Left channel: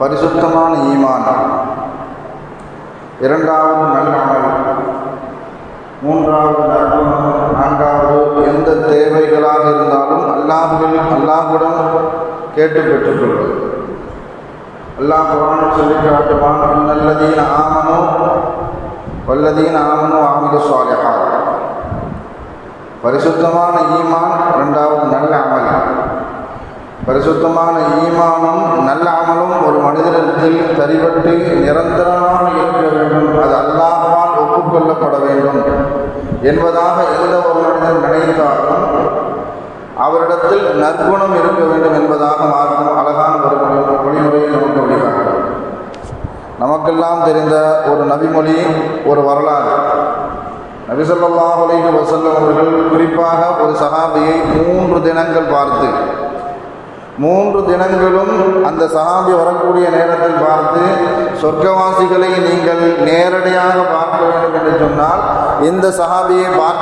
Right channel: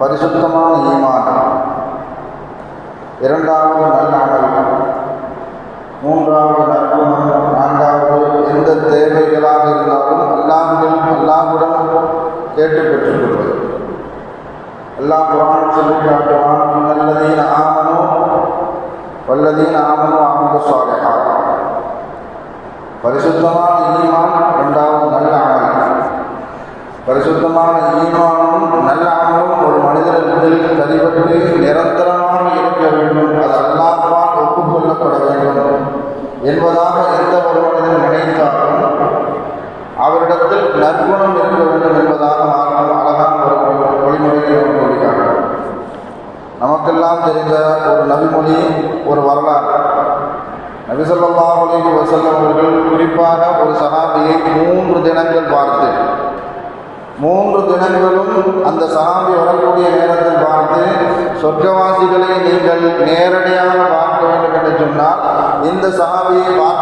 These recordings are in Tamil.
பரிசுத்தமான ஈமானம். இரண்டாவது நல்லாமல் மூன்றாவது நற்குணம் நான்காவது எந்த தேவைகளாக இருந்தாலும் அல்லாஹிலும் அல்லாஹுடன் கேட்டு பெற்றுக்கொள்வது அல்லாஹ் குரான் சொல்லி காட்டுவான் நல்லதீன் ஆமனோ வல்லதீன்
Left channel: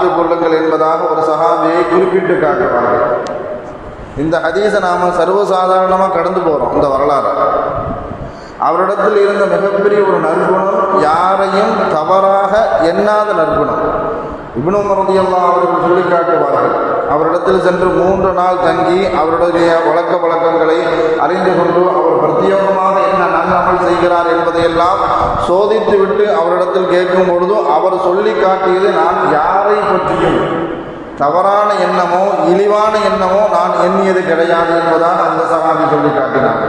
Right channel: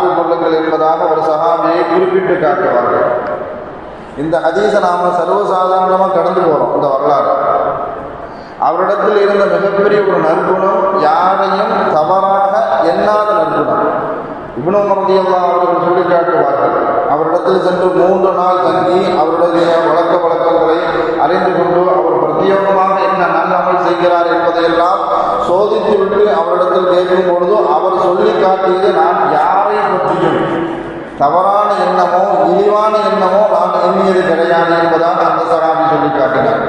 பார்த்து கொள்ளுங்கள் என்பதாக ஒரு சகாபியை குறிப்பிட்டு காட்டுவார்கள். இந்த ஹதீஸை நாம் சர்வசாதாரணமாக கடந்து போகிறோம் இந்த வரலாறு. அவரிடத்தில் இருந்த மிகப்பெரிய ஒரு நற்குணம் யாரையும் தவறாக எண்ணாத நற்குணம். இவ்வளோ மரதியல்லா அவர்கள் சொல்லி காட்டுவார்கள் அவரிடத்தில் சென்று மூன்று நாள் தங்கி அவருடைய வழக்க வழக்கங்களை அறிந்து கொண்டு அவர் பிரத்யேகமாக என்ன நன்மை செய்கிறார் என்பதையெல்லாம் சோதித்து விட்டு அவரிடத்தில் கேட்கும் பொழுது அவர் சொல்லி காட்டியது நான் யாரை பற்றியும். தவறான எண்ணமோ இழிவான எண்ணமோ நான் எண்ணியது கிடையாது என்பதாக அந்த சகாமி சொல்லி காட்டினார்.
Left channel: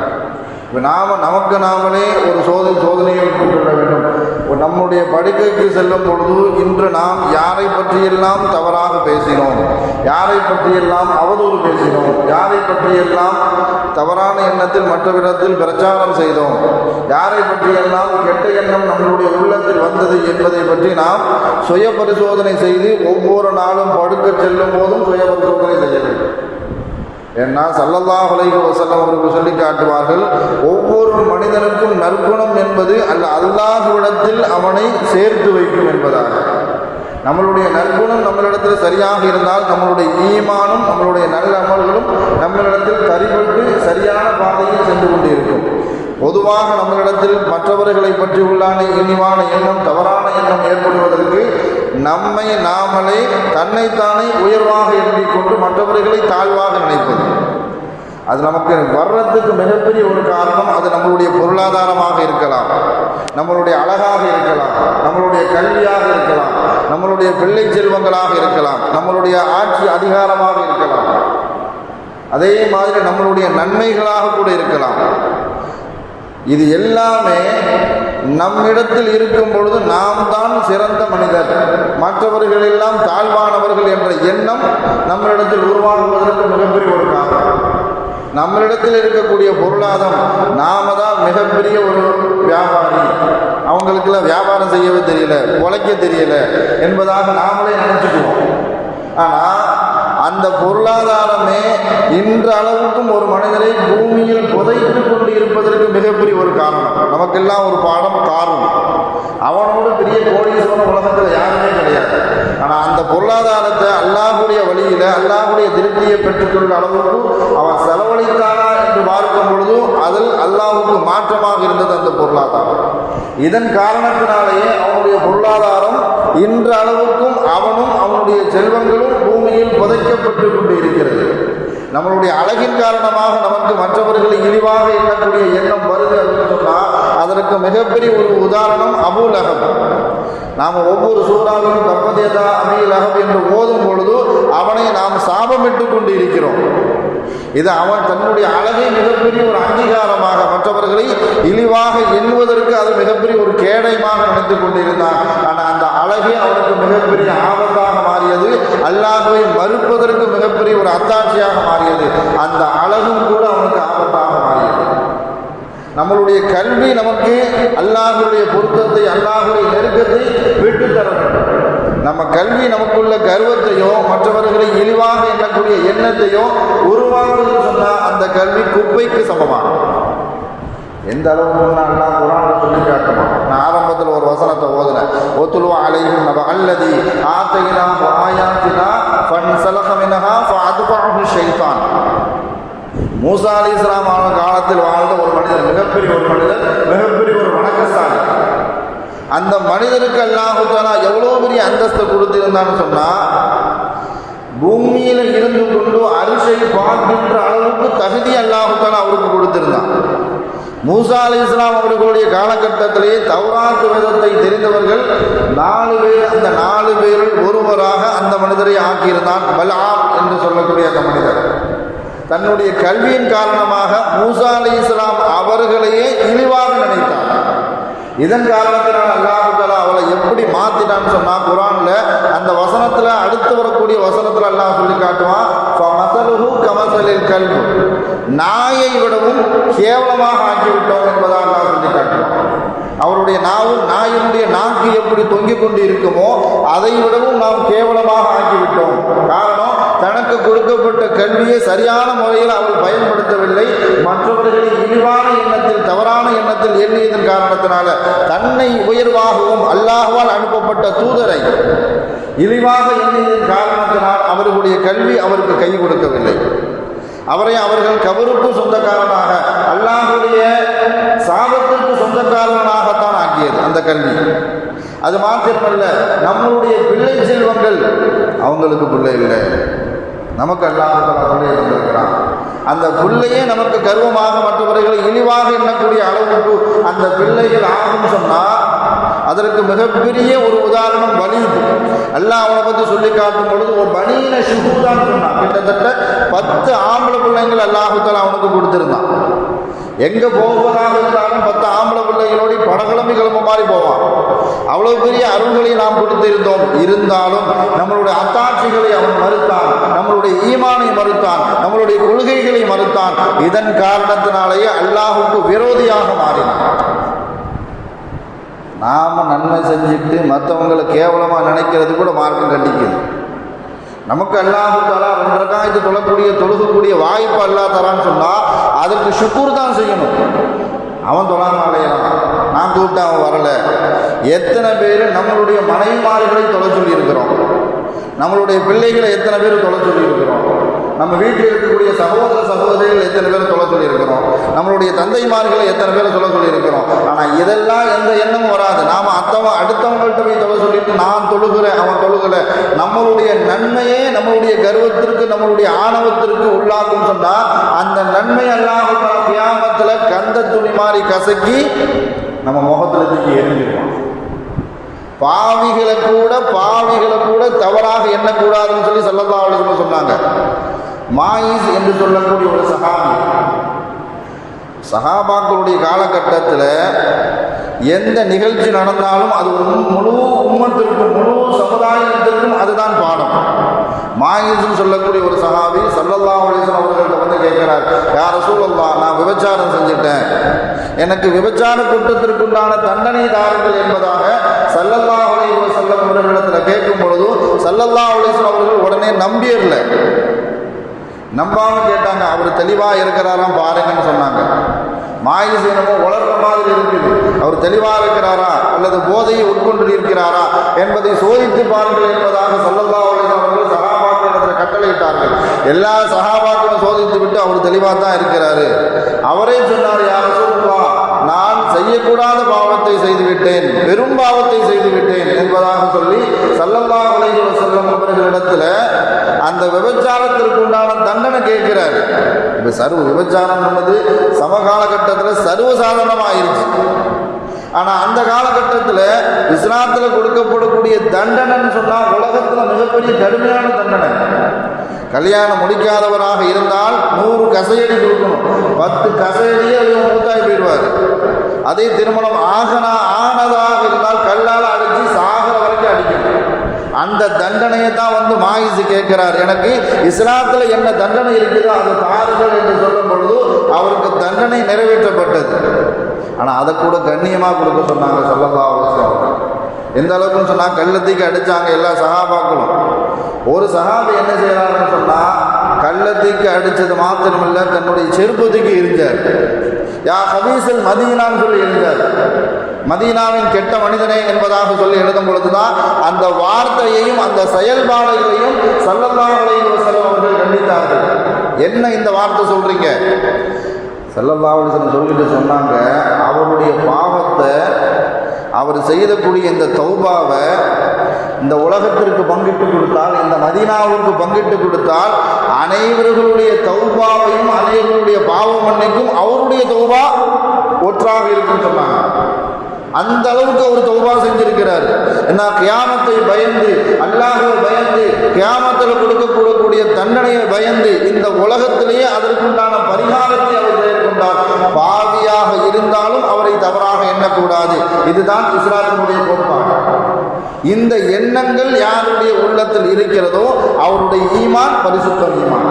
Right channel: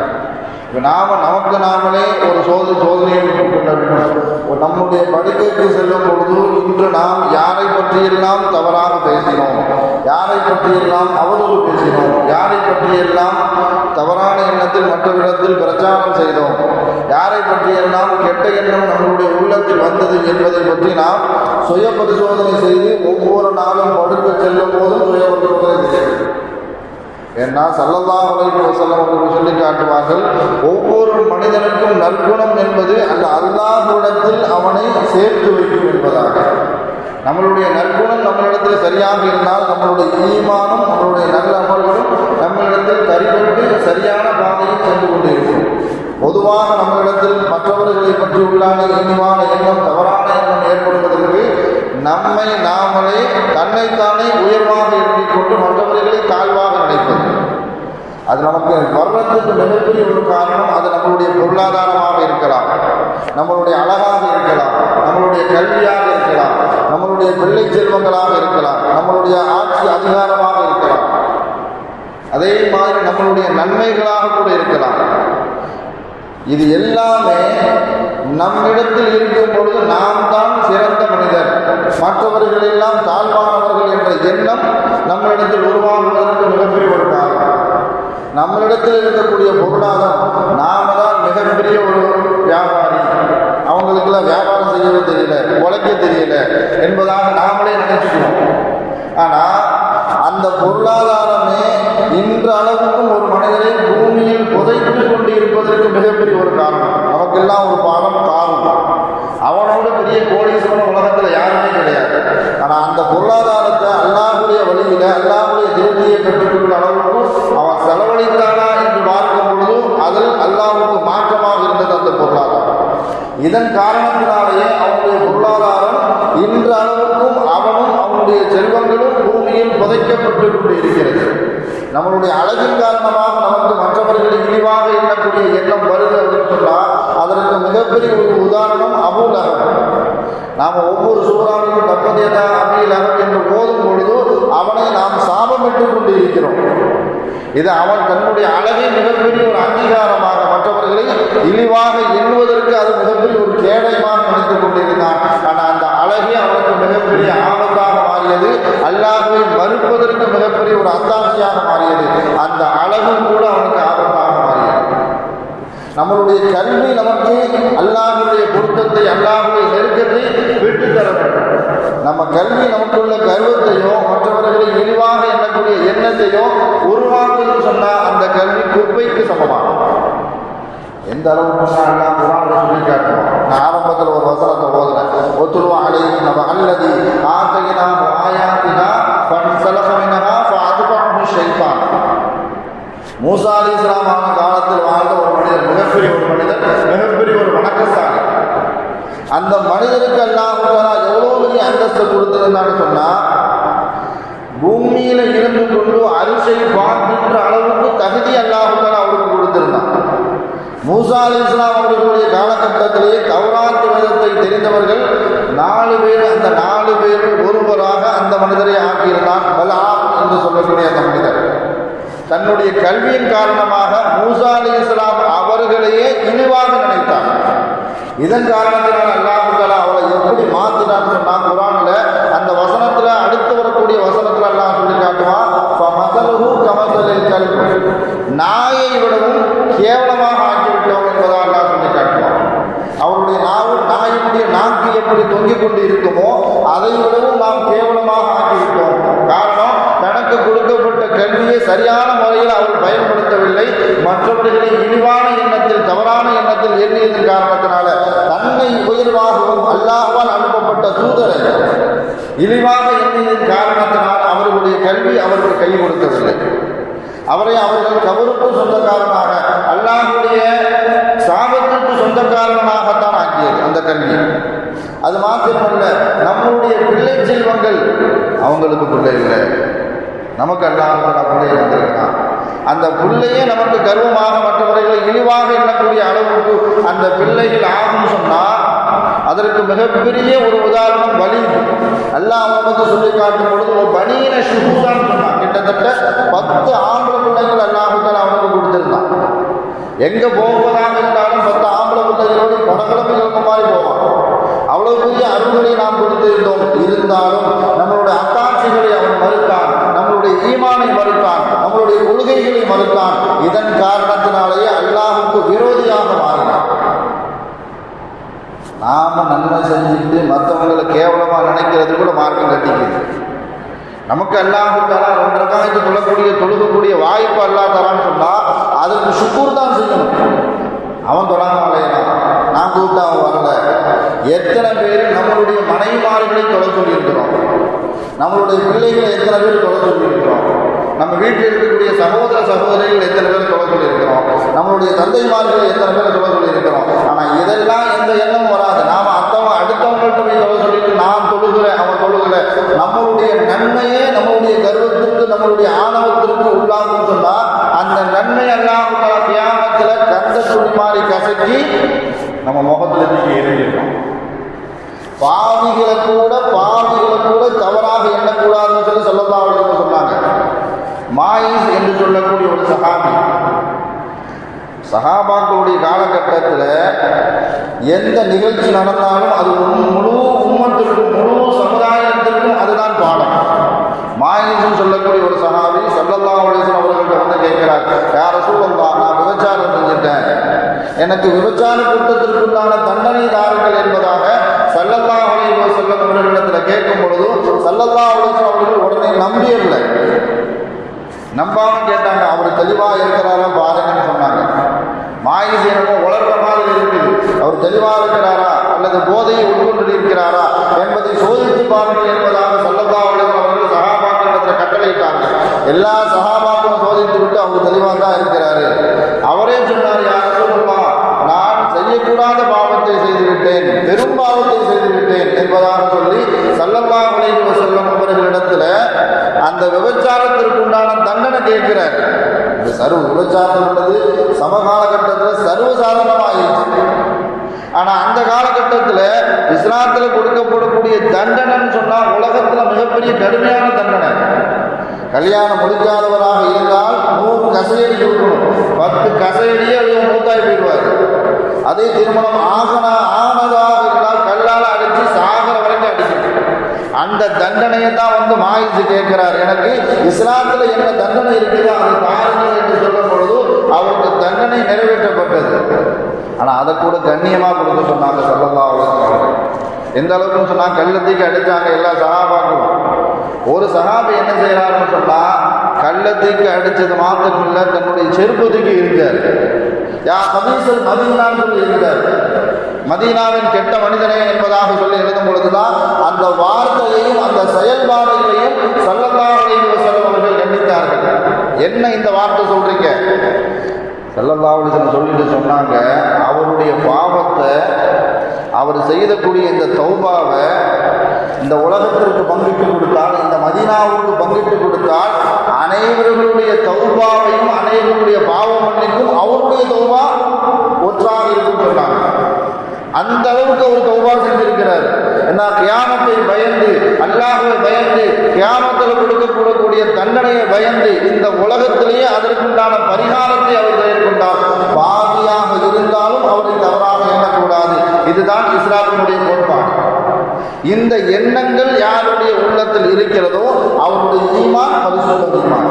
இப்போ நாம் நமக்கு நாமளே ஒரு சோதனை சோதனையை கொள்ள வேண்டும். நம்முடைய படுக்கைக்கு செல்லும் பொழுது இன்று நாம் யாரை பற்றியெல்லாம் தவறாக பேசினோம்? யாரை பற்றியெல்லாம் அவதூறு பேசினோம்? யாரை பற்றியெல்லாம் தவறான எண்ணத்தில் மற்றவரிடத்தில் பிரச்சாரம் செய்தோம். யாரை பற்றியெல்லாம் கெட்ட எண்ணம் நம்மளுடைய உள்ளத்தில் வந்தது என்பதை பற்றி நாம் சுய பரிசோதனை செய்து ஒவ்வொரு நாளும் படுக்க செல்லும் போதும் சுய பரிசோதனை செய்ய வேண்டும். ஏன்னா சல்லல்லா அலைஹி வஸல்லம் அவர்கள் சொல்லி காட்டுவார்கள் ஒவ்வொரு மனிதனுக்கும் நற்குணம் என்பது அந்த அல்லாஹுவிடத்தில் அவனை சேர்த்து வைக்கும் என்பதாக. நம்மளுடைய நற்குணம் நம்மளிடத்தில் சரியாக இருந்தால் நம்மளுடைய ஈமானும் நம்மளுடைய நல்ல அமல்களும் நம்மளிடத்தில் தரிபட்டு சரியான பாதையில் சென்று கொண்டிருக்கும். பொதுவாக நம்மளிடத்தில் மற்றவர்களை பற்றி உள்ளான இனிமான எண்ணம் தவறான எண்ணம் ஏற்படுவதற்கு நம்மை நாமளே தன்னைத்தானே உயர்வாக எண்ணிக்கொண்டு மற்றவர்களை தாழ்வாக நினைப்பது. அது நமக்கு வர்றதுக்கு மிகப்பெரிய ஒரு காரணம் அது நம்மளுடைய பொருளாதாரமாக இருக்கலாம் நம்மளுடைய அழகாக இருக்கலாம் நம்மளுடைய கல்வியாக இருக்கலாம் நம்மளுடைய பிள்ளை செல்வங்களாக இருக்கலாம் நம்மளுடைய ஆட்சி அதிகாரமாக அதே மாதிரி நம்மளுடைய நன்மைகளாக கூட இருக்கலாம். இது எல்லாமே நம்மிடத்தில் இருக்கும் பொழுது நாம் தான் சிறந்த மனிதர். மற்றவர்கள் எல்லாம் தாழ்வானவர்கள் என்ற எண்ணம் நம்மளிடத்தில் உருவாகுவதற்கு மிகப்பெரிய ஒரு காரணம். நம்மளிடத்தில் இருக்கக்கூடிய பொருளாதாரம் நாம தான் மிகப்பெரிய ஒரு வியாபாரி. அவங்களுக்கெல்லாம் வியாபாரம் செய்யவே தெரியல உழைக்க தெரியல என்பதாக நாமளே நினைச்சுக்குவோம். ஆனால் அந்த பொருளாதாரமே இன்ற அளவுக்கும் ஒரு மனிதனை பூமியில் புதைத்து கொண்டு இருப்பதற்கு மிகப்பெரிய ஒரு காரணம். நமக்கெல்லாம் ஒரு பாடம் காரணம். அவனோட பெரிய கோடீஸ்வரன் உலகத்தில் யாருமே கிடையாது. ஆனால் அந்த பொருளாதாரத்தை அல்லாஹுடைய வழியில் அல்லாஹுடைய திருப்தியை பெற்றுக்கொள்ள அளவுக்கும் அவன் செலவழித்தானா என்று பார்க்கும் பொழுது அதில் அல்லாஹுக்கு மாற்றமாக இருந்தது அந்த பொருளாதாரம். இதன் காரணத்தினாலேயே அவனுடைய பொருளாதாரம் இன்ற அளவு அவனும் அவனுடைய செல்வங்களும் பூமியில் புதைக்கப்பட்டு கொண்டு இருக்கிறது நம்மளுடைய அழகின் காரணமாக நமக்கு மற்றவர்களை இழிவாக எண்ணக்கூடிய எண்ணம் வருது அப்படின்னு சொன்னால் அதற்கு மிகப்பெரிய ஒரு உதாரணம் அபூலகம். நாம் ஒவ்வொரு சூறாவிலும் தப்பதேதா அமீலகம் என்று ஓதும் பொழுது அவனை நாம் சாபமிட்டு கொண்டு இருக்கிறோம் இது அவன் தன்னுடைய அழகை மிகப்பெரிய ஒரு அங்கீகாரமாக மற்றவர்களை இழிவாக எண்ணுவதற்கு அது மிகப்பெரிய ஒரு கேடயமாக நினைத்துக் கொண்டிருந்தான். ஆனால் அந்த அழகே அவனுக்கு மிகப்பெரிய அந்த மனிதருக்கு அல்லாஹாலா எவ்வளோ பெரிய அந்தஸ்து கொடுத்துருந்தான்னு சொன்னால் பூமியில் இருந்து கொண்டு அரிசை பார்க்கின்ற அளவுக்கு தகுதி அல்லாஹாலா அவருக்கு கொடுத்திருந்தான் மூசா அலி இஸ்லாம் அவர்களுடைய காலகட்டத்திலேயே தௌராத்து வேதத்தை தெரிந்தவர்கள் நாலு பேர் அந்த நாலு பேரில் ஒருவராக அந்த மனிதரை ஆக்கியிருந்தான். பலா என்று சொல்லக்கூடிய அந்த மனிதர். தன்னுடைய கல்வியின் காரணமாக மூசா அலி இஸ்லாம் அவர்களையே இழிவாக நினைத்தார். இதன் காரணத்தினால் அல்லாஹ் எப்படி மாத்தினான்னு சொன்னா குரான்ல அந்த வசனத்துல அடுத்து வரக்கூடிய வசனத்துல எல்லாம் சொல்லி காட்டுவான் கமசலில் கல்வி நாயை விடவும் கேவலமாக ஆக்கிவிட்டோம் என்பதாக எல்லாம் சொல்லி காட்டுவான். அவருடைய நாவு நாயினுடைய நாக்கு எப்படி தொங்கிக் கொண்டு இருக்குமோ அதை விடவும் நாம் கேவலமாக ஆக்கிவிட்டோம். கொடுக்கப்பட்ட கல்வியை சரியான முறையில் அவர் பயன்படுத்தவில்லை. மற்றவர்களை இழிவான எண்ணத்தில் தவறான எண்ணத்தில் எண்ணியதன் காரணத்தினால தன்னை உயர்வாகவும் அல்லாஹால் அனுப்பப்பட்ட தூதரை இழிவாக எண்ணியதன் காரணத்தினால் அவர்களுடைய கல்வி அவருக்கு கை கொடுக்கவில்லை. அவரை அவர்கள் கவருக்கும் சொந்தக்காரனாக அல்லாஹுடைய சாபத்திற்கு சொந்தக்காரனாகத்தான் ஆக்கியது அந்த கல்வி. அது மாத்திரமல்ல நம்மளுடைய பிள்ளை செல்வங்கள் அவங்களுக்கு பிள்ளை இல்லை. நமக்கு அல்லாஹ் பிள்ளை அந்த பிள்ளையே நமக்கு கர்வமாக மற்றவர்களை இழிவாக எண்ணக்கூடிய அளவுக்கு அந்த பிள்ளைகள் ஆகும் சொன்னால் அதற்கு மிகப்பெரிய ஒரு உதாரணம் வலிது எல்லாம் அவனை பற்றி சொல்லி காட்டும் பொழுது ஒரு பனியின சுகுதான் சொன்னான் கிட்டத்தட்ட பத்து ஆம்பளை பிள்ளைங்கள் அல்லாஹுத்தால் அவனுக்கு கொடுத்திருந்தான். எங்க போவதாக இருந்தாலும் பத்து ஆம்பளை பிள்ளைகளோடு படகிழமை கிளம்ப மாதிரி போவான் அவ்வளவு பெரிய அருள்களை நாம் கொடுத்திருந்தோம். இருந்தாலும் நம்மளுடைய அத்தாட்சிகளை அவன் மறு இஸ்லாமை மறுத்தான் நம்மளுடைய கொள்கைகளை மறுத்தான். இதன் காரணத்தினாலேயே அல்லாஹுக்கு விரோதியாக மாறினான். நாம நன்மை செஞ்சுட்டு மற்றவங்களை கேவலமாக நினைக்கிறது கூட மார்க்கம் கண்டிக்குது. நமக்கு அல்லாஹு தலா ரெண்டு ரகாயத்து தொழக்கூடிய தொழுகக்கூடிய வாய்ப்பு அல்லா தரான்னு சொன்னால் அதற்கு சுக்கூர் தான் செய்யணும். அவன் தொழாம அலையலாம். நான் கூப்பிட்டு அவன் வரல. எத்தனை பேர் நம்மளுடைய மனைவிமார்களை தொலை சொல்லியிருக்கிறோம். நம்மளுடைய பிள்ளைகளை எத்தனை பேர் தொலை சொல்லியிருக்கிறோம். நம்ம வீட்டில் இருக்கக்கூடிய சகோதர சகோதரிகள் எத்தனை பேர் சொல்ல சொல்லியிருக்கிறோம்? நம்மளுடைய தந்தைமார்கள் எத்தனை பேர் சொல்ல சொல்லியிருக்கிறோம்? ஆனால் இதெல்லாம் எந்த எண்ணமும் வராது. நாம் அத்தவன் அடுத்தவங்கள்ட்ட போய் தொலை சொல்லிட்டு நான் தொழுகிறேன் அவன் தொழுகிறேன் நம்மளுடைய நன்மையே நம்மளுடைய கர்வத்திற்கு நம்மளுடைய ஆணவத்திற்கு உள்ளாகும் சொன்னால் அந்த நன்மை எல்லாம் தியாகத்தில் கந்த துணி மாதிரி கசக்கி நம்ம முகத்தில் தூக்கி எரிஞ்சிடும் பாவிகளை கூட பாவிகளை கூட தவறாக எண்ணக்கூடாதுன்னு சொல்லி சொல்லதான் சொன்னாங்க மாயிஸ் என்று சொல்லக்கூடிய ஒரு சகாபி. சஹாபாக்களுடைய காலகட்டத்தில் எந்த நிகழ்ச்சி நடந்தாலும் அது முழு உம்மத்திற்கும் முழு சமுதாயத்திற்கும் அதுதான் பாடம். மாயிசுன்னு சொல்லக்கூடிய ஒரு சஹாபி சல்லல்லா அலிஸ்லாம் அவர்கள்ட்ட வந்து கேட்கிறார் யார சூழல்லா நான் விபச்சாரம் செஞ்சுட்டேன். எனக்கு விபச்சார குற்றத்திற்குண்டான தண்டனை தாருங்கள் என்பதாக சல்லல்லா அலைஹி வஸல்லம் அவர்களிடத்தில் கேட்கும் பொழுது சல்லல்லா அலிஸ்லாம் அவர்கள் உடனே நம்பியதில்லை. நம்பாமல் கேட்டாங்க அவர் தெளிவாக இருக்கிறார் பாருங்கன்னு சொன்னாங்க மாயை செய்யறதோ உலர்ற மாதிரி இருக்குது அவர் தெளிவா இருக்கிறாரா அல்லது போதையை உட்கொண்டு இருக்கிறாரா என்பதை சோதித்து பாருங்கள் என்பதாக சொல்லல்லா அவர்கள் சகாபாக்களிடத்தில் கட்டளையிட்டார்கள் எல்லா சகாபாக்களும் சோதித்து விட்டு அவர் தெளிவா தான் இருக்கிறாரு அவரே சொன்னார் யார் சொல்லுவா நான் செய்யக்கூடாத பாவத்தை செய்து விட்டேன் பெரும் பாவத்தை செய்து விட்டேன் என்பதாக சொல்லி சல்லல்லா அலைஹி வஸல்லம் அவர்களிடத்துல அந்த விபச்சாரத்திற்கு உண்டான தண்டனை கேட்கிறார் இந்த சர்வ விபச்சாரம் என்பது சமகாலகட்டத்தில் சர்வசாதாரணமாயிருச்சு ஆனால் அந்த காலகட்டத்தில் இஸ்லாத்தில் கொடுக்கப்படக்கூடிய தண்டனைன்னு சொன்னால் உலகத்தில் மிகப்பெரிய கடுமையான தண்டனை. கல்யாணம் முடிக்காதவராக இருந்தால் நூறு கசையடி கொடுக்கணும். பத்து கசையடியே அவர் மூத்தாய் போயிடுவார். அதே திருமணம் ஆகனா ஆனதாக இருந்தால் கல்லால் அடித்து சாகர வரைக்கும் அடிக்கணும். அந்த தண்டனையை தான் வந்து மாயிசு கேட்கிறார். எனக்கு இஸ்லாத்தில் என்ன தண்டனை இருக்குதோ அதை பாருங்கள் தண்டனை நிறைவேற்றப்பட்டது. ஆனால் அதை கூட கண்ணியமாக கொடுக்க சொன்னாங்க சொல்லலாம் எந்த அளவுக்குன்னு சொன்னால் கள்ளத்துக்கு அடித்தாங்க எல்லா சகாபாக்களும் ஒரு சகாபி என்ன செய்யறாருன்னு சொன்னால் கள்ளத்துக்கு அடித்தது மாத்திரம் இல்லை தன்னுடைய செருப்பதுக்கு இருந்தார் யா கபீசல் மதீனான்னு சொல்லி இருந்தார் மதீனாவின் கெட்ட மனிதனே என்பதாக சொல்லி எழுதும் பொழுதுதான் அந்த வார்த்தையையும் அந்த செயல்பாடுகளையும் சல்லல்லாஹு அலைஹி வஸல்லம் அவர்கள் கண்டித்தார்கள். என்ன இந்த வார்த்தை சொல்றீங்க? சல்லல்லாஹு சொல்லிட்டு சொன்னாங்க அவருடைய பாவத்தை அவர் செய்யக்கூடிய இந்த தௌபாவை இந்த உலகத்திற்கு பங்கிட்டு கொடுத்தால் இந்த மதினாவுக்கு பங்கிட்டு கொடுத்தால் அனைவர்களுடைய தௌபாவையும் அனைவருடைய பாவ மன்னிக்கும் அவருடைய தௌபா ஒற்றாக இருக்கும் சொன்னாங்க. அந்த அளவுக்கு அவர் தௌபா செஞ்சிருக்கிறார். என்ன கியாமத்தை பயந்து அல்லாஹை பயந்து கியாமத்தில் கொடுக்கக்கூடக்கூடிய தண்டனையை பயந்து இந்த உலகத்திலேயே அதற்குண்டான பரிகாரத்தை அவர் இருந்தாலும் அவரை தவறாக எண்ணக்கூடாது. இதுதான் இஸ்லாத்தினுடைய கோட்பாடு. இந்த எண்ணங்கள் யாருடைய உள்ளத்தில் இருக்கிறதோ அவருடைய ஈமான் பரிசுத்த ஈமான்.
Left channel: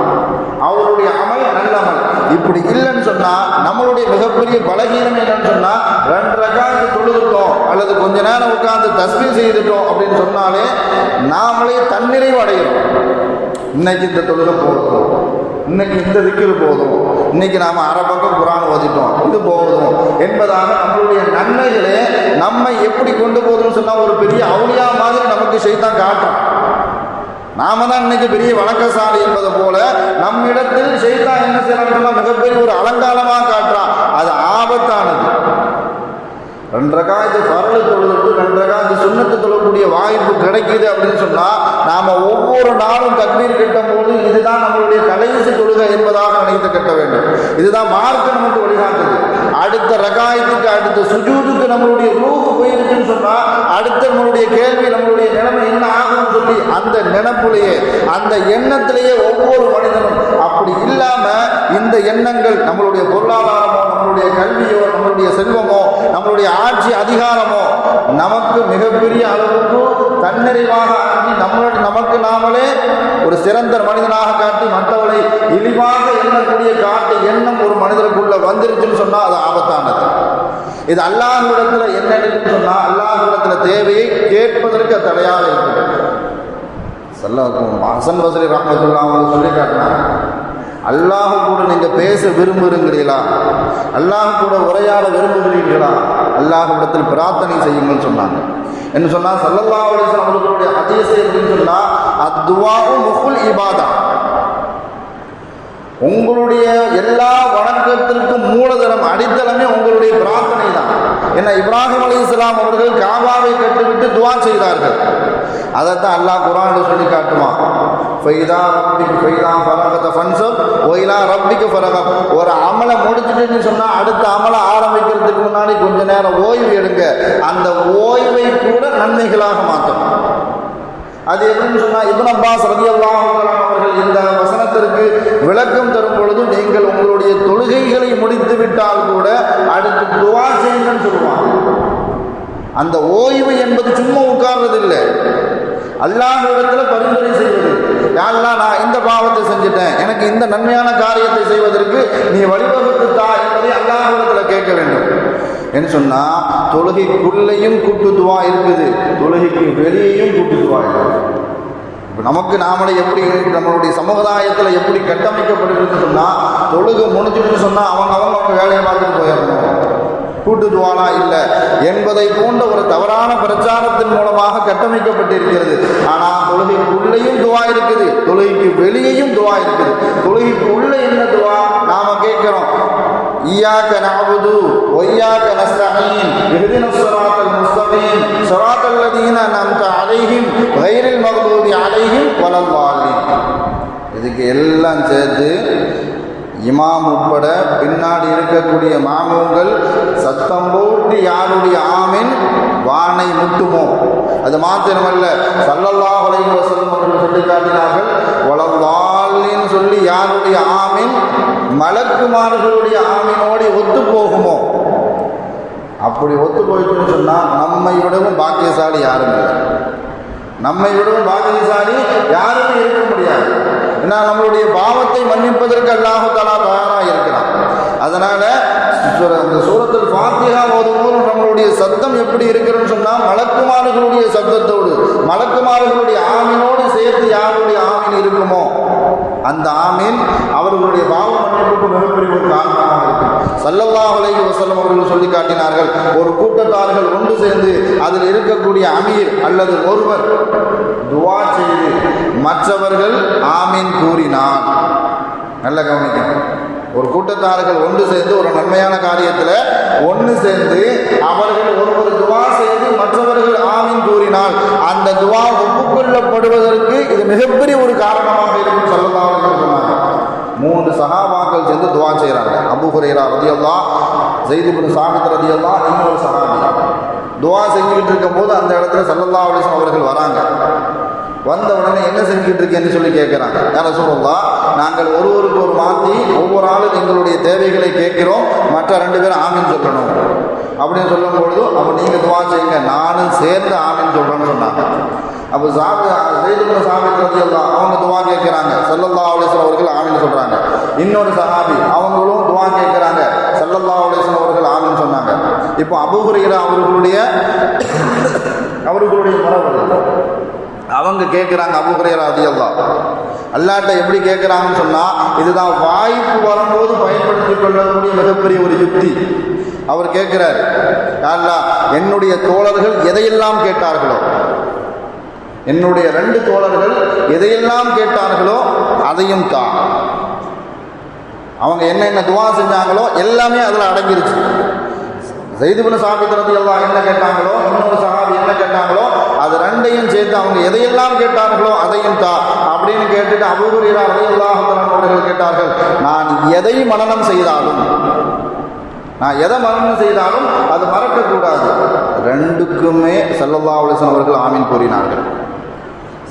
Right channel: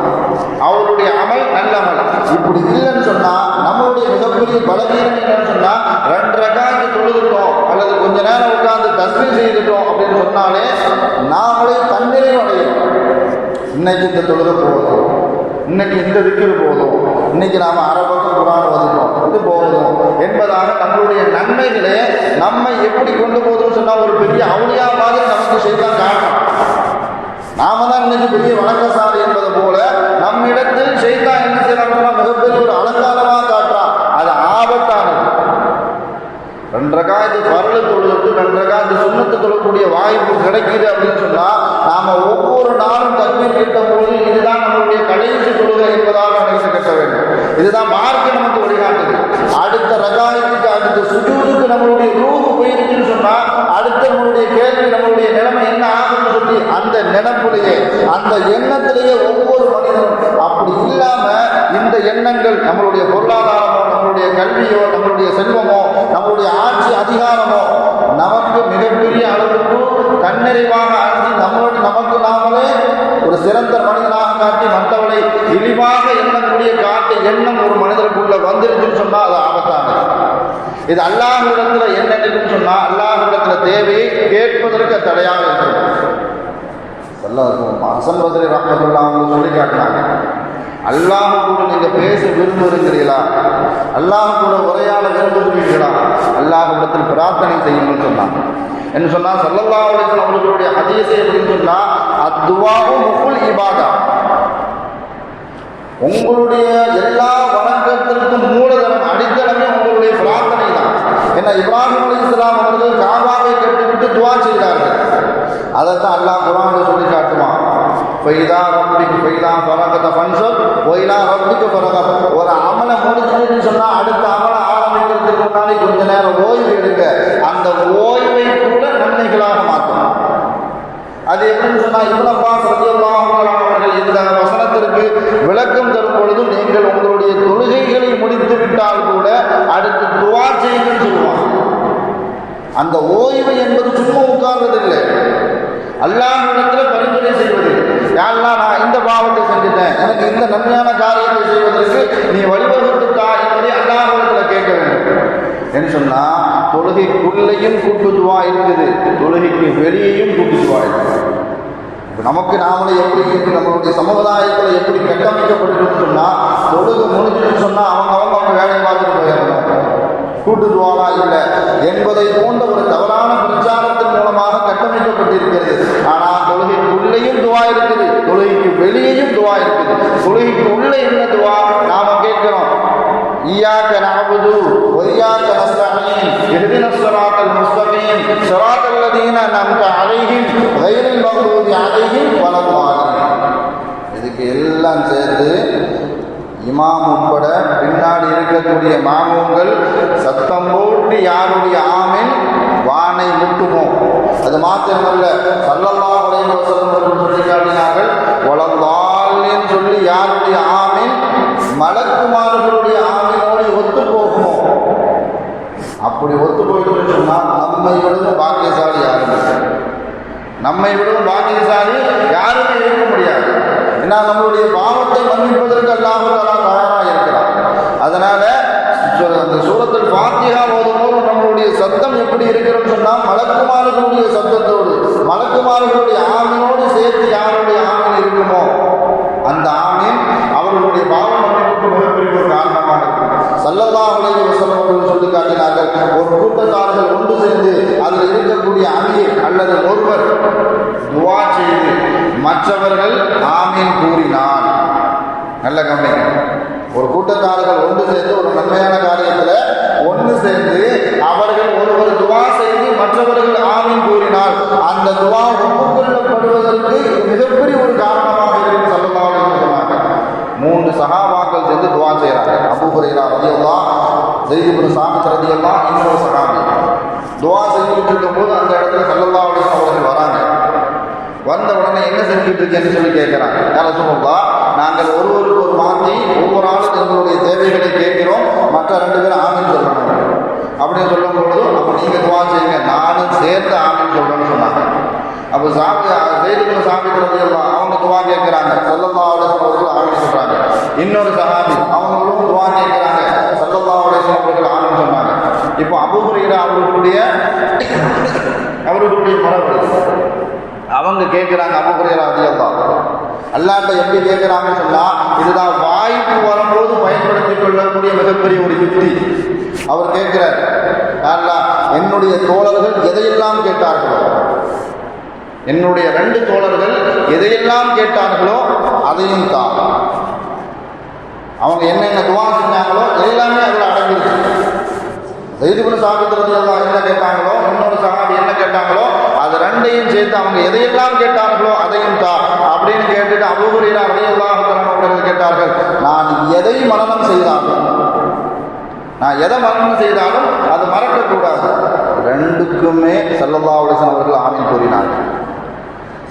அவருடைய அமல் நல்ல அமல். இப்படி இல்லைன்னு சொன்னா நம்மளுடைய மிகப்பெரிய பலகீனம் என்னன்னு சொன்னா ரெண்டு ரகாந்து தொழுதுட்டோம் அல்லது கொஞ்ச நேரம் உட்கார்ந்து தஸ்மி செய்துட்டோம் அப்படின்னு சொன்னாலே நாமளே தன்னிறைவு அடையும் இன்னைக்கு இந்த தொழுது போதும். இன்னைக்கு இந்த திக்கில் போதும். இன்னைக்கு நாம அரை குரான் ஓதிட்டோம் இது போதும் என்பதாக நம்மளுடைய நன்மைகளே நம்மை எப்படி கொண்டு போதும்னு சொன்னால் ஒரு பெரிய அவுளியா மாதிரி நமக்கு செய்தான் காட்டும். நாம தான் இன்னைக்கு பெரிய வணக்கசாலி என்பது போல நம்மிடத்தில் செய்தான் என்ன செய்யறாங்கன்னா மிகப்பெரிய ஒரு அலங்காரமா காட்டுறான். அது ஆபத்தானது. ரெண்டரை காலத்து பரல தொழுது ரெண்டரை காலத்து சுண்ணத்து தொழக்கூடிய வாய்ப்பு கிடைக்குது அப்படின்னு சொன்னா நாம ஒவ்வொரு நாளும் தண்ணீர் கிட்ட பொழுது இதுதான் நம்மளுடைய கடைசி தொழுகை என்பதாக நினைத்து கட்ட வேண்டும். இதுதான் அல்லாஹ்விடத்துல கேட்பதற்கு தடையாக இருக்கும். சொல்ல ஹசன் பசரி ராமத்துல்லா அவங்க சொல்லி காட்டினாங்க அல்லாஹ் கூட நீங்க பேச விரும்புகிறீங்களா அல்லாஹ் கூட உரையாட விரும்புகிறீர்களா? அல்லாஹ்விடத்தில் பிரார்த்தனை செய்யுங்கன்னு சொன்னாங்க. என்ன சொன்னா சல்லல்லா அலிஸ்லாம் அவர்களுடைய அதிசய எப்படின்னு சொன்னா அத்துவாவும் முகுல் இபாதா. உங்களுடைய எல்லா வணக்கத்திற்கும் மூலதனம் அடித்தளமே உங்களுடைய பிரார்த்தனை தான் என்ன இப்ராஹிம் அலி இஸ்லாம் அவர்கள் காபாவை கொண்டு துவா செய்தார்கள். தான் அல்லாஹ் குரான் சொல்லி காட்டுவான். ஃபைதா ரப்பிக்கு ஃபைதா ஃபரகத ஃபன்சர் ஒயிலா ரப்பிக்கு ஃபரகம் தொழுகைக்குள்ளேயும் கூட்டு துவா இருக்குது. தொழுகைக்கு வெளியேயும் கூட்டு துவா இருக்குது. இப்போ நமக்கு நாமளே எப்படி இருக்கு? நம்மளுடைய சமுதாயத்தில் எப்படி கட்டமைக்கப்பட்டிருக்கு சொன்னால் தொழுகை முடிஞ்சிட்டு சொன்னால் அவங்க அவங்க அவங்க வேலையை பார்த்துட்டு போயிடணும். கூட்டுதுவானா இல்லை? என்பதை போன்ற ஒரு தவறான பிரச்சாரத்தின் மூலமாக கட்டமைக்கப்பட்டிருக்கிறது. ஆனால் தொழுகைக்குள்ளேயும் துவா இருக்குது. தொழுகைக்கு வெளியேயும் துவா இருக்குது. தொழுகைக்கு உள்ள என்ன துவா? நாம கேட்கிறோம். ஈயாக்க சேர்த்து இமாம் உட்பட பின்னாடி இருக்கக்கூடிய மாணவங்கள் சத்தம் போட்டு யாருடைய ஆமின் வானை முட்டுமோ? அது மாத்திரமல்ல சல்லல்லா உலகம் அவர்கள் சொல்லி காட்டினார்கள் சொல்லி யாருடைய ஆமின் மலக்குமார்களுடைய ஆமினோடு ஒத்து போகுமோ அப்படி ஒத்து போயிட்டுன்னு சொன்னால் நம்மை விடவும் பாக்கியசாலி யாரும் நம்மை விடவும் பாக்கியசாலி யாருமே இருக்க முடியாது. ஏன்னா நம்மளுடைய பாவத்தை மன்னிப்பதற்கு அல்லாஹ் தாலா தயாராக இருக்கிறார் அதனால சு- அந்த சூரத்தில் ஃபாத்திஹா ஓதும்போது நம்மளுடைய சத்தம் எப்படி இருக்குன்னு சொன்னால் மலக்குமார்களுடைய சத்தத்தோடு மலக்குமார்களுடைய ஆமீனோடு சேர்த்து யார் ஆமீன் இருக்குமோ அந்த ஆமீன் அவர்களுடைய பாவம் மன்னிப்புக்கு மிகப்பெரிய ஒரு காரணமாக இருக்கும் சல்லல்லாஹு அலைஹி வஸல்லம் அவர்கள் சொல்லி காட்டினார்கள் ஒரு கூட்டத்தார்கள் ஒன்று சேர்ந்து அதில் இருக்கக்கூடிய அமீர் அல்லது ஒருவர் துவா செய்து மற்றவர்கள் ஆமீன் கூறினார் நல்ல கவனிங்க ஒரு கூட்டத்தார்கள் ஒன்று சேர்ந்து ஒரு நன்மையான காரியத்தில் ஒன்று சேர்ந்து அவர்கள் ஒருவர் துவா செய்து மற்றவர்கள் ஆமீன் கூறினால் அந்த துவா ஒப்புக்கொள்ளப்படுவதற்கு இது மிகப்பெரிய ஒரு காரணமாக இருக்கும் சொல்லலாம் சொன்னாங்க மூன்று சகாபாக்கள் சேர்ந்து துவா செய்கிறாங்க அபு ஹுரைரா ரதியல்லா ஜெய்திபுன் சாமித் ரதியல்லா இன்னொரு சகாபி துவா செஞ்சுக்கிட்டு இருக்கும்போது அந்த இடத்துல சல்லல்லா அலிஸ்லாம் அவர்கள் வராங்க வந்த உடனே இருக்கேன்னு சொல்லி கேட்குறாங்க யார சொல்லா நாங்கள் ஒருவருக்கு ஒரு மாற்றி ஒவ்வொரு ஆளும் எங்களுடைய தேவைகளை கேட்கிறோம். மற்ற ரெண்டு பேரும் ஆமின்னு சொல்லணும். அப்படின்னு சொல்லும் பொழுது அப்போ நீங்கள் துவா செய்யுங்க. நானும் சேர்ந்து ஆமின்னு சொல்லணும்னு சொன்னாங்க. அப்போ சாமி செய்திகளை சாமிக்கிறது எல்லாம் அவங்க துவா கேட்குறாங்க. செல்லல்லா அவளேசன் அவர்கள் ஆமின்னு சொல்கிறாங்க இன்னொரு சகாபி அவங்களும் துவா கேட்குறாங்க. செல்லல்லா அவளேசன் அவர்கள் ஆமின்னு சொன்னாங்க. இப்போ அபுகுரையில அவர்களுடைய அவர்களுடைய மரபு. அவங்க கேட்குறாங்க அபுகுரையரா அதிகல்லா அல்லாட்ட எப்படி கேட்குறாங்கன்னு சொன்னால் இதுதான் வாய்ப்பு வரும்போது பயன்படுத்திக் கொள்ளக்கூடிய மிகப்பெரிய ஒரு யுக்தி. அவர் கேட்கிறார் அல்லா என்னுடைய தோழர்கள் எதையெல்லாம் கேட்டார்களோ என்னுடைய ரெண்டு தோழர்கள் எதையெல்லாம் கேட்டார்களோ அதையும் தான். அவங்க என்னென்ன துவா செஞ்சாங்களோ எல்லாமே அதில் அடங்கிருச்சு. செய்துகுண சாபித்திரத்து எல்லாம் என்ன கேட்டாங்களோ எதையெல்லாம் கேட்டார்களோ அதையும் தா அப்படின்னு கேட்டுட்டு அபூபுரீரா அதையெல்லாம் அவர்கள் கேட்டார்கள் நான் எதை மரணம் செய்தாலும் நான் எதை மரணம் செய்தாலும் அது மறக்கக்கூடாது. ரெண்டுக்குமே சல்லல்லா அவர்கள் ஆமீன் கூறினார்கள்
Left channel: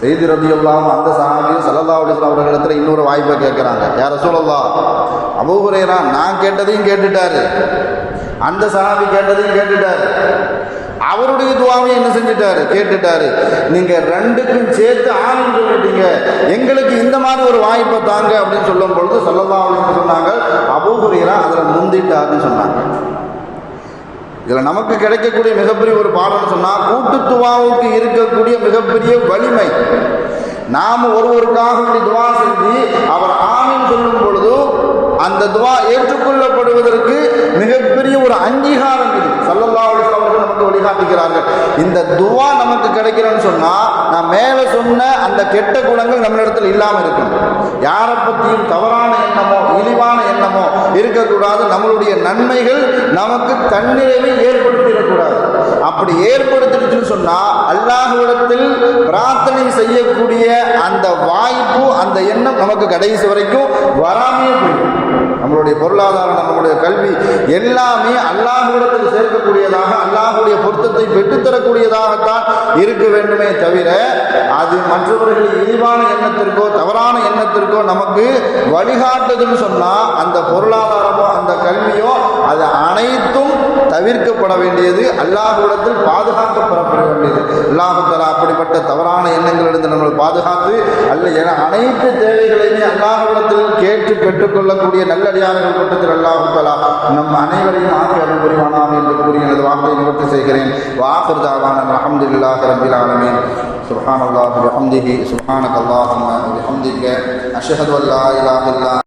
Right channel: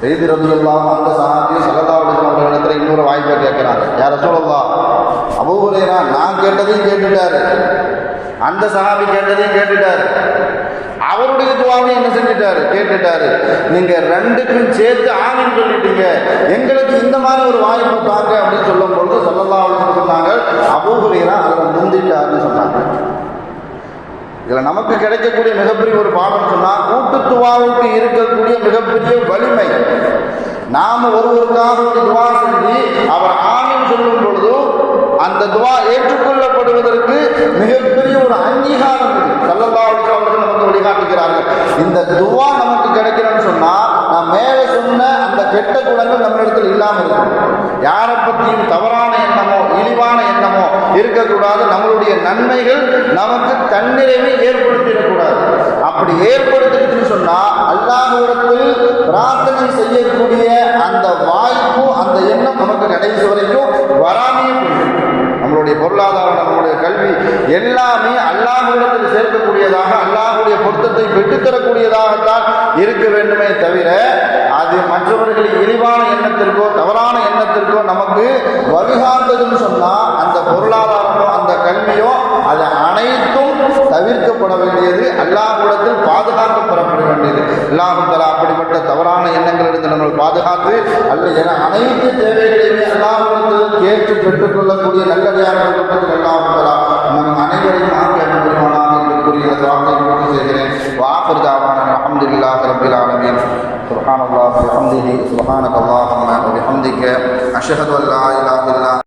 செய்தி ரதியுல்லாம் அந்த சாமி சல்லல்லா அலிஸ்லாம் அவர்களிடத்துல இன்னொரு வாய்ப்பை கேட்குறாங்க. யார சொல்லல்லா அபூஹுரேரா நான் கேட்டதையும் கேட்டுட்டாரு. அந்த சாமி கேட்டதையும் கேட்டுட்டாரு. அவருடைய துவாவை என்ன செஞ்சுட்டாரு? கேட்டுட்டாரு. நீங்க ரெண்டுக்கும் சேர்த்து ஆமீன் சொல்லிட்டீங்க. எங்களுக்கு இந்த மாதிரி ஒரு வாய்ப்பை தாங்க அப்படின்னு சொல்லும் பொழுது சொல்லல்லா சொன்னாங்க. அபூஹுரேரா அதில் முந்திட்டாருன்னு சொன்னாங்க. இதில் நமக்கு கிடைக்கக்கூடிய மிகப்பெரிய ஒரு பாடம் சொன்னால் கூட்டுத்துவாவுக்கு இருக்கக்கூடிய மிகப்பெரிய வலிமை. நாம் ஒருவருக்காக ஒரு துவா செஞ்சு அவர் ஆமீன் சொல்லும் பொழுது அந்த துவா ஏற்றுக்கொள்ளப்படுவதற்கு மிகப்பெரிய ஒரு அங்கீகாரம் இது சல்லல்லா அலிஸ்லாம் அவர்கள் நமக்கு வழிகாட்டுகிறார்கள் இந்த துவா நமக்கு கிடைக்கிறேன்னு சொன்னால் நான் மேலே சொன்ன அந்த கெட்ட குணங்கள் நம்ம இடத்துல இல்லாமல் இருக்கும் யாரை பற்றியும் தவறான எண்ணமோ இழிவான எண்ணமோ இருக்கக்கூடாது நம்மளுடைய நன்மைகள் நமக்கு தன்னிறைவை ஏற்படுத்திடக்கூடாது. அப்படி ஏற்படுத்திடுச்சுன்னு சொன்னால் அல்லாஹ்விடத்தில் பிரார்த்தனை செய்யக்கூடிய அந்த வாய்ப்பு அந்த எண்ணம் நமக்கு கடைசி வரைக்கும் வராமையே போயிடும். நம்மளுடைய பொருளாதாரம் நம்மளுடைய கல்வி எல்லாமே அல்லாஹூடத்தில் சேர்க்கக்கூடியதாக அல்லாஹுடைய பொருத்தத்தை பெற்றுத்தரக்கூடியதாகத்தான் இருக்க வேண்டுமே தவிர அது மற்றவர்களின் இழிவான எண்ணத்திற்கோ தவறான எண்ணத்திற்கோ நமக்கு வழிகாட்டுதுன்னு சொன்னால் அந்த பொருளாதாரமோ அந்த கல்வியோ அது அனைத்தும் தவிர்க்கப்பட வேண்டியது அல்லாஹூடத்தில் பாதுகாக்கப்படப்பட வேண்டியது. அல்லாஹுத்தலா அப்படிப்பட்ட தவறான எண்ணங்களிலிருந்து நம்மளை பாதுகாத்து அல்ல என அனைத்து தேவைகளையுமே அல்லாஹ்விடத்தில் கேட்டு பெற்றுக்கொள்ளக்கூடிய நல்லடியார்கள் கூட்டத்தில் அல்லாஹுத்தலா நம் அனைவரையும் ஆக்கி அனுபவமாக என்று கூறிய எனது வார்த்தையை நிவர்த்தி செய்கிறேன் வாக்குறுதாவான அலமதுல்லாஹ் ரபில் ஆலமீன் سبحان الله وبحمده سبحانك اللهم وبحمدك أشهد أن لا إله إلا